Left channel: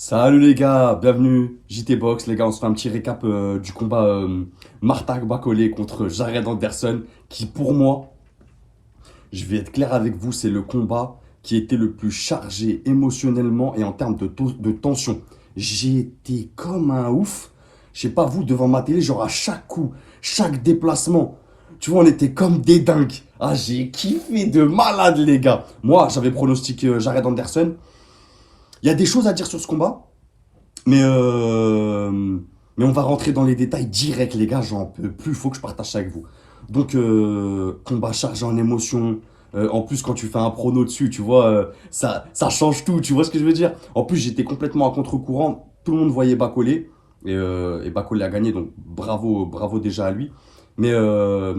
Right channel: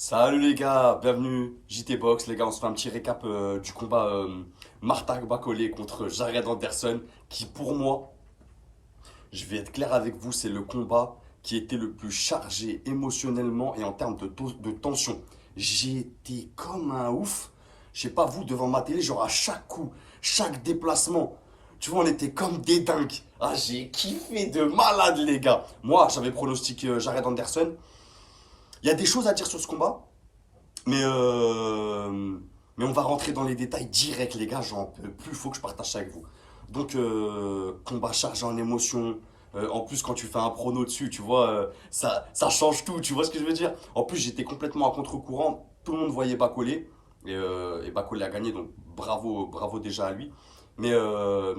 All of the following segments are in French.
Salut les gars, bienvenue JT Box. Les gars, on se fait un petit récap du combat Marta Bacolé contre Jared Anderson, qui pour moi, je vais être clair avec vous, c'est le combat qui était le plus chargé émotionnellement et en termes de tension. J'ai été comme un ouf, je sais pas vous, devant ma télé, genre à chaque coup, chaque déplacement. Tu vois, on était comme des dingues. Ah, j'ai kiffé de malade les gars. Moi, j'avais pronostiqué Jared Anderson. Il y a des choses à dire sur ce combat. Mais, euh, mais on va rentrer dans les détails directs, les gars. J'en peux plus, il faut que je partage ça avec vous. Donc, combat chargé en émotion. En plus, quand tu fais un prono dessus, tu vois, ça change tout. Tu vois ce que je veux dire? En plus, j'étais complètement à contre-courant. Tout le monde voyait Bacolé. Et Bacolé a gagné, donc bravo, bravo déjà à lui. Mais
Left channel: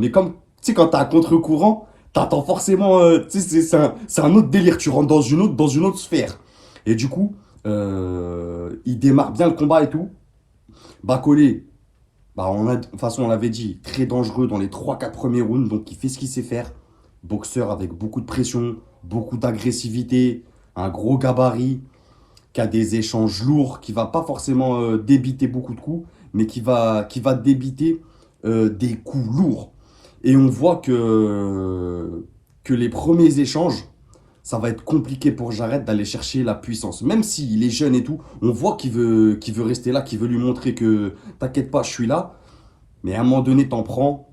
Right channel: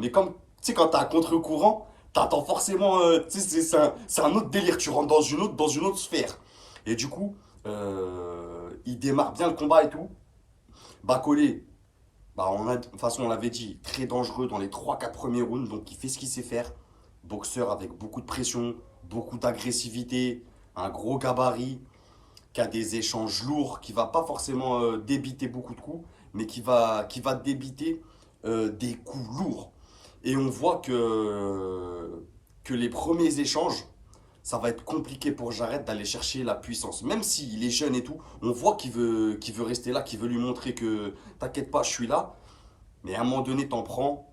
comme, tu sais, quand t'es à contre-courant, t'attends forcément. Tu sais, c'est un autre délire. Tu rentres dans une autre sphère. Et du coup. Il démarre bien le combat et tout. Bacolé, de toute façon, on l'avait dit, très dangereux dans les trois quatre premiers rounds. Donc, il fait ce qu'il sait faire. Boxeur avec beaucoup de pression, beaucoup d'agressivité, un gros gabarit, qui a des échanges lourds, qui va pas forcément débiter beaucoup de coups, mais qui va débiter des coups lourds. Et on voit que les premiers échanges, ça va être compliqué pour Jared d'aller chercher la puissance. Même s'il est jeune et tout, on voit qu'il veut rester là, qu'il veut lui montrer que t'inquiète pas, je suis là. Mais à un moment donné, t'en prends.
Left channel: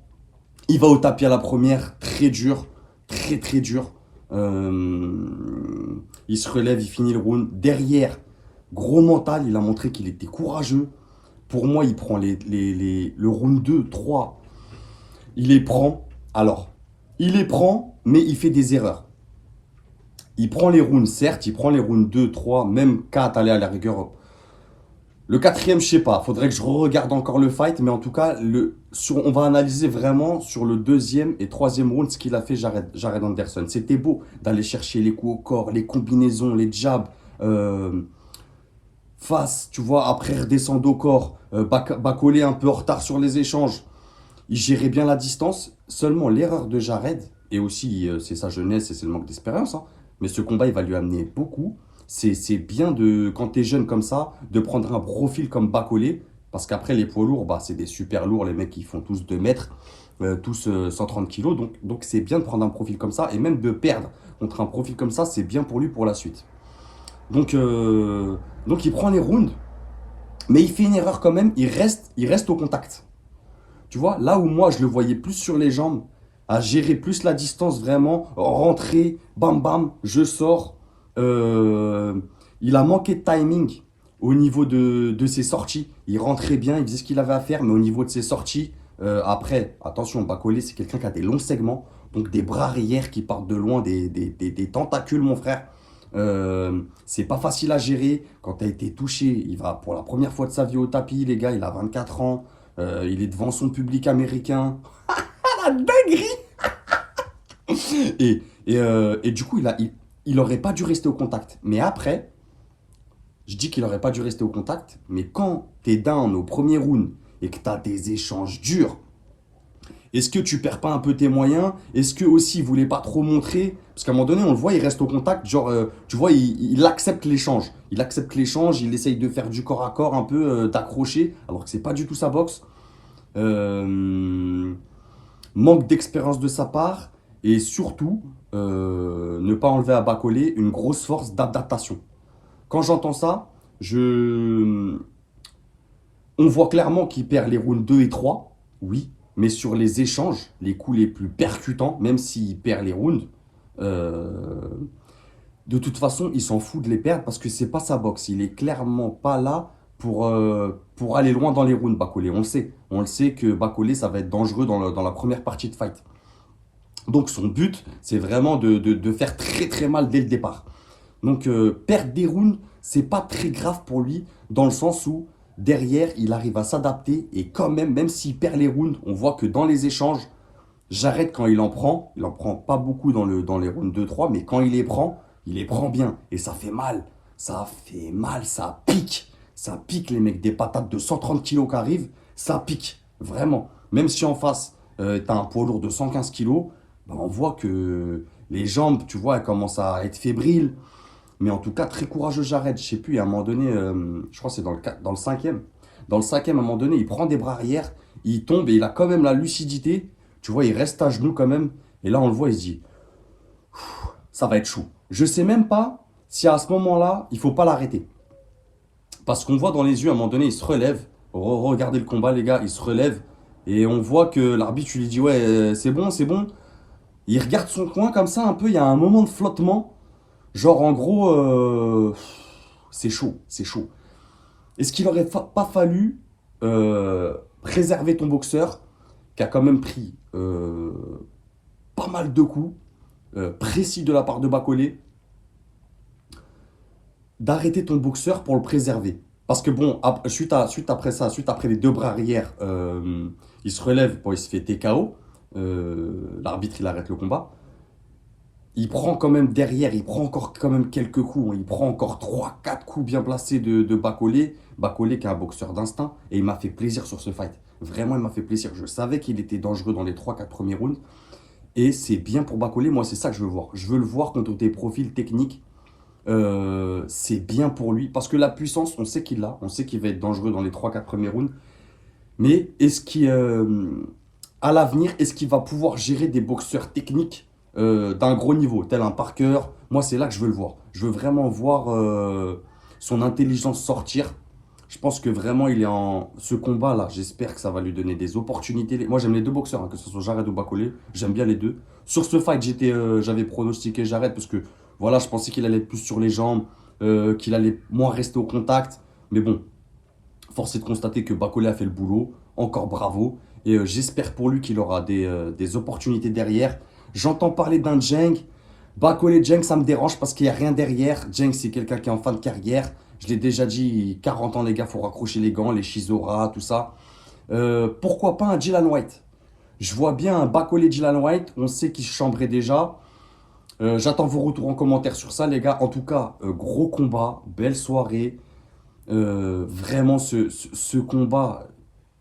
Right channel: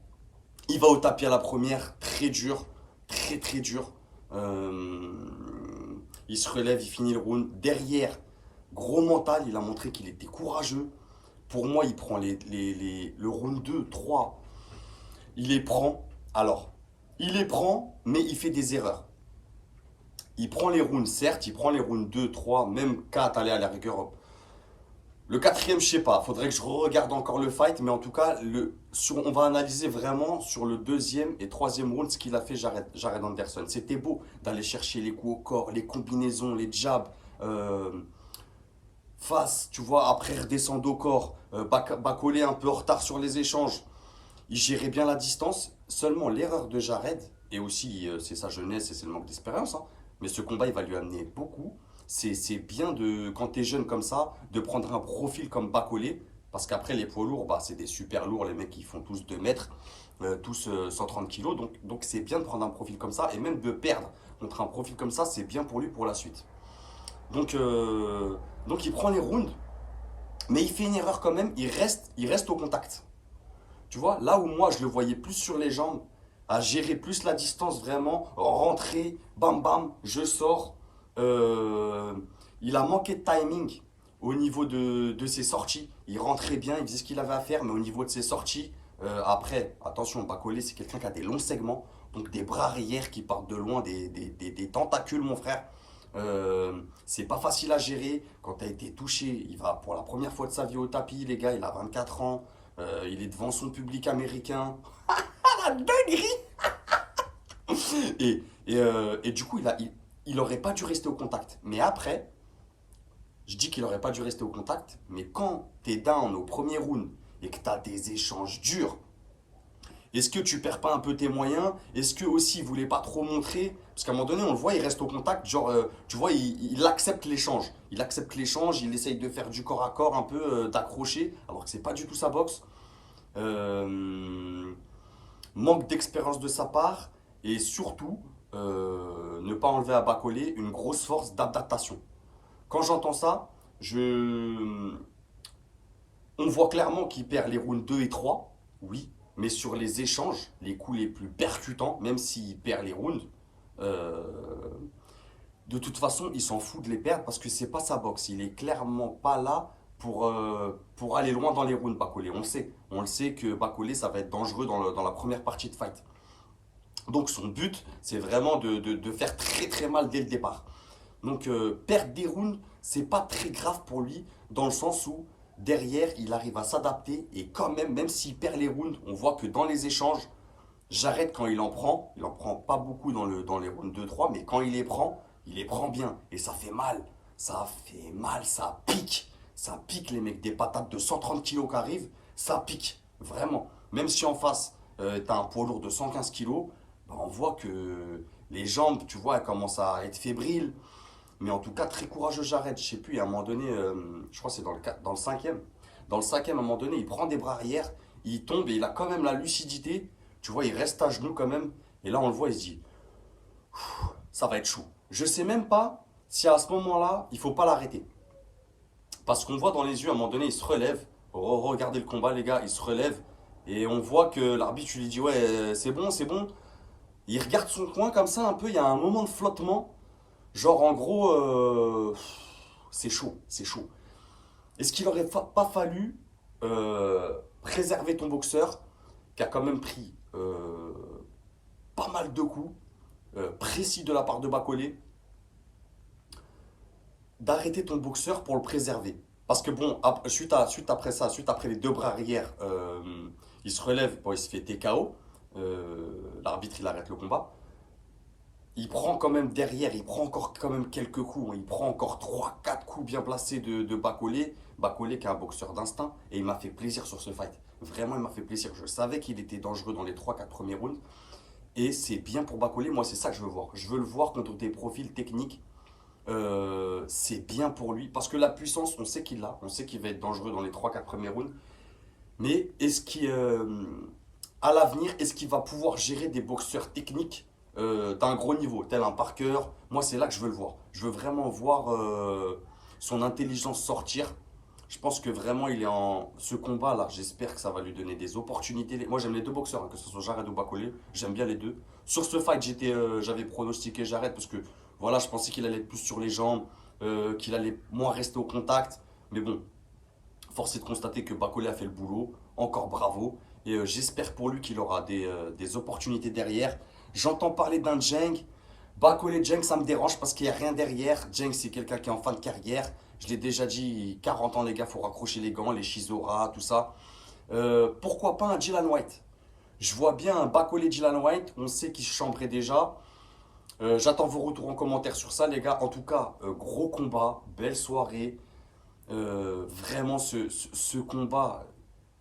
Il va au tapis à la première, très dur, très très dur. Euh, il se relève, il finit le round. Derrière, gros mental, il a montré qu'il était courageux. Pour moi, il prend le round 2, 3. Il les prend. Alors, il les prend, mais il fait des erreurs. Il prend les rounds, certes, il prend les rounds 2, 3, même 4, allez, à la rigueur. Le quatrième, je sais pas, faudrait que je regarde encore le fight, mais en tout cas, on va analyser vraiment sur le deuxième et troisième round ce qu'il a fait Jared Anderson. C'était beau d'aller chercher les coups au corps, les combinaisons, les jabs, face, tu vois, après redescendre au corps, Bacolé un peu en retard sur les échanges. Il gérait bien la distance. Seulement l'erreur de Jared, et aussi c'est sa jeunesse et c'est le manque d'expérience, hein, mais ce combat il va lui amener beaucoup. C'est bien quand tu es jeune comme ça, de prendre un profil comme Bacolé, parce qu'après les poids lourds, bah, c'est des super lourds, les mecs ils font tous 2 mètres, tous 130 kilos, donc c'est bien de prendre un profil comme ça, et même de perdre contre un profil comme ça, c'est bien pour lui pour la suite. Donc, euh, donc il prend les rounds, mais il fait une erreur quand même, il reste au contact. Tu vois, là où moi je le voyais plus sur les jambes, à gérer plus la distance vraiment, rentrer, bam bam, je sors. Euh, il a manqué de timing au niveau de ses sorties. Il rentrait bien, il faisait ce qu'il avait à faire, mais au niveau de ses sorties, après, attention, Bacolé, c'est quelqu'un qui a des longs segments, donc des bras arrière qui partent de loin, des tentacules, mon frère. C'est pas facile à gérer. Quand tu as été touché, il va pour la première fois de sa vie au tapis, les gars, il a 24 ans. Il est devant son public américain. Ah, la dinguerie. Et du coup, il aurait pas dû rester au contact. Mais après, je dis qu'il aurait pas dû rester au contact. Mais quand tu es down au premier round et que tu as des échanges durs, est-ce que tu perds pas un peu tes moyens? Est-ce que aussi il voulait pas trop montrer? Parce qu'à un moment donné, on le voit, il reste au contact. Genre, tu vois, il accepte l'échange. Il accepte l'échange, il essaye de faire du corps à corps, un peu d'accrocher, alors que c'est pas du tout sa boxe. Euh, Manque d'expérience de sa part et surtout ne pas enlever à Bacolé une grosse force d'adaptation. Quand j'entends ça, on voit clairement qu'il perd les rounds 2 et 3, oui, mais sur les échanges, les coups les plus percutants, même s'il perd les rounds, euh, de toute façon, il s'en fout de les perdre parce que c'est pas sa boxe. Il est clairement pas là pour aller loin dans les rounds, Bacolé. On le sait. On le sait que Bacolé, ça va être dangereux dans la première partie de fight. Donc son but, c'est vraiment de faire très très mal dès le départ. Donc perdre des rounds, c'est pas très grave pour lui, dans le sens où derrière, il arrive à s'adapter et quand même, même s'il perd les rounds, on voit que dans les échanges, j'arrête quand il en prend pas beaucoup dans les rounds 2-3, mais quand il les prend bien. Et ça fait mal. Ça fait mal, ça pique. Ça pique les mecs, des patates de 130 kilos qui arrivent, ça pique. Vraiment. Même si en face, t'as un poids lourd de 115 kilos, bah, on voit que les jambes, tu vois, elles commencent à être fébriles. Mais en tout cas, très courageux Jared. Je sais plus, à un moment donné, je crois que c'est dans le cinquième. Dans le cinquième, à un moment donné, il prend des bras arrière, il tombe et il a quand même la lucidité. Tu vois, il reste à genoux quand même. Et là, on le voit, il se dit, ça va être chaud. Je sais même pas si à ce moment-là, il faut pas l'arrêter. Parce qu'on voit dans les yeux, à un moment donné, il se relève. Regardez le combat, les gars, il se relève. Et on voit que l'arbitre lui dit, ouais, c'est bon, c'est bon. Il regarde son coin comme ça un peu, il y a un moment de flottement. Genre en gros, c'est chaud, c'est chaud. Est-ce qu'il aurait pas fallu préserver ton boxeur qui a quand même pris pas mal de coups précis de la part de Bacolé, d'arrêter ton boxeur pour le préserver? Parce que bon, suite après ça, suite après les deux bras arrière, il se relève, bon, il se fait TKO. L'arbitre il arrête le combat. Il prend quand même derrière, il prend encore quand même quelques coups, hein. Il prend encore trois quatre coups bien placés de Bacolé. Bacolé qui est un boxeur d'instinct. Et il m'a fait plaisir sur ce fight. Vraiment, il m'a fait plaisir. Je savais qu'il était dangereux dans les trois quatre premiers rounds. Et c'est bien pour Bacolé. Moi, c'est ça que je veux voir. Je veux le voir contre tes profils techniques. C'est bien pour lui. Parce que la puissance, on sait qu'il l'a. On sait qu'il va être dangereux dans les trois quatre premiers rounds. Mais est-ce qu'il, à l'avenir, est-ce qu'il va pouvoir gérer des boxeurs techniques d'un gros niveau, tel un Parker? Moi, c'est là que je veux le voir. Je veux vraiment voir son intelligence sortir. Je pense que vraiment, il est en ce combat-là. J'espère que ça va lui donner des opportunités. Moi, j'aime les deux boxeurs, hein, que ce soit Jared ou Bacolé. J'aime bien les deux. Sur ce fight, j'avais pronostiqué Jared parce que voilà, je pensais qu'il allait être plus sur les jambes, qu'il allait moins rester au contact. Mais bon, force est de constater que Bacolé a fait le boulot. Encore bravo. Et j'espère pour lui qu'il aura des opportunités derrière. J'entends parler d'un Jeng. Bacolé Jeng, ça me dérange parce qu'il n'y a rien derrière. Jeng, c'est quelqu'un qui est en fin de carrière. Je l'ai déjà dit, 40 ans les gars, il faut raccrocher les gants, les Shizora, tout ça. Pourquoi pas un Dylan White? Je vois bien un Bacolé Dylan White. On sait qu'il chambrait déjà. J'attends vos retours en commentaire sur ça, les gars. En tout cas, gros combat, belle soirée. Vraiment, ce combat,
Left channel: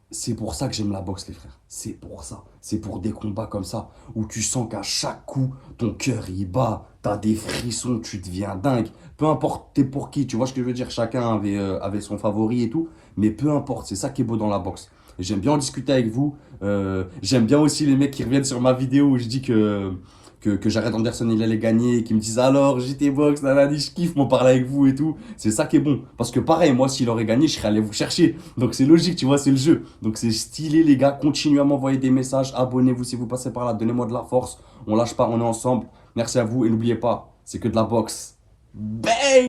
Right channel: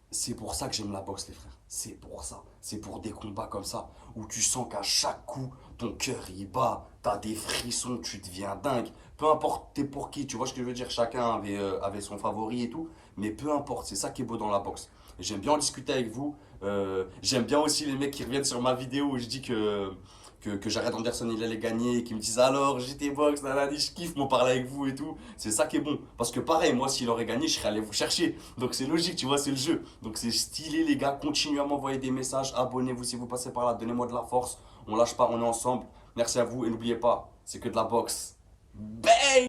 c'est pour ça que j'aime la boxe, les frères. C'est pour ça. C'est pour des combats comme ça, où tu sens qu'à chaque coup, ton cœur il bat, t'as des frissons, tu deviens dingue. Peu importe t'es pour qui, tu vois ce que je veux dire. Chacun avait son favori et tout. Mais peu importe, c'est ça qui est beau dans la boxe. Et j'aime bien en discuter avec vous. J'aime bien aussi les mecs qui reviennent sur ma vidéo où je dis que Jared Anderson il allait gagner, qui me disent alors JT Box, nanani, je kiffe moi parler avec vous et tout. C'est ça qui est bon. Parce que pareil, moi s'il aurait gagné, je serais allé vous chercher. Donc c'est logique, tu vois, c'est le jeu. Donc c'est stylé les gars, continuez à m'envoyer des messages, abonnez-vous si vous passez par là, donnez-moi de la force. On lâche pas, on est ensemble. Merci à vous et n'oubliez pas, c'est que de la boxe. Bang!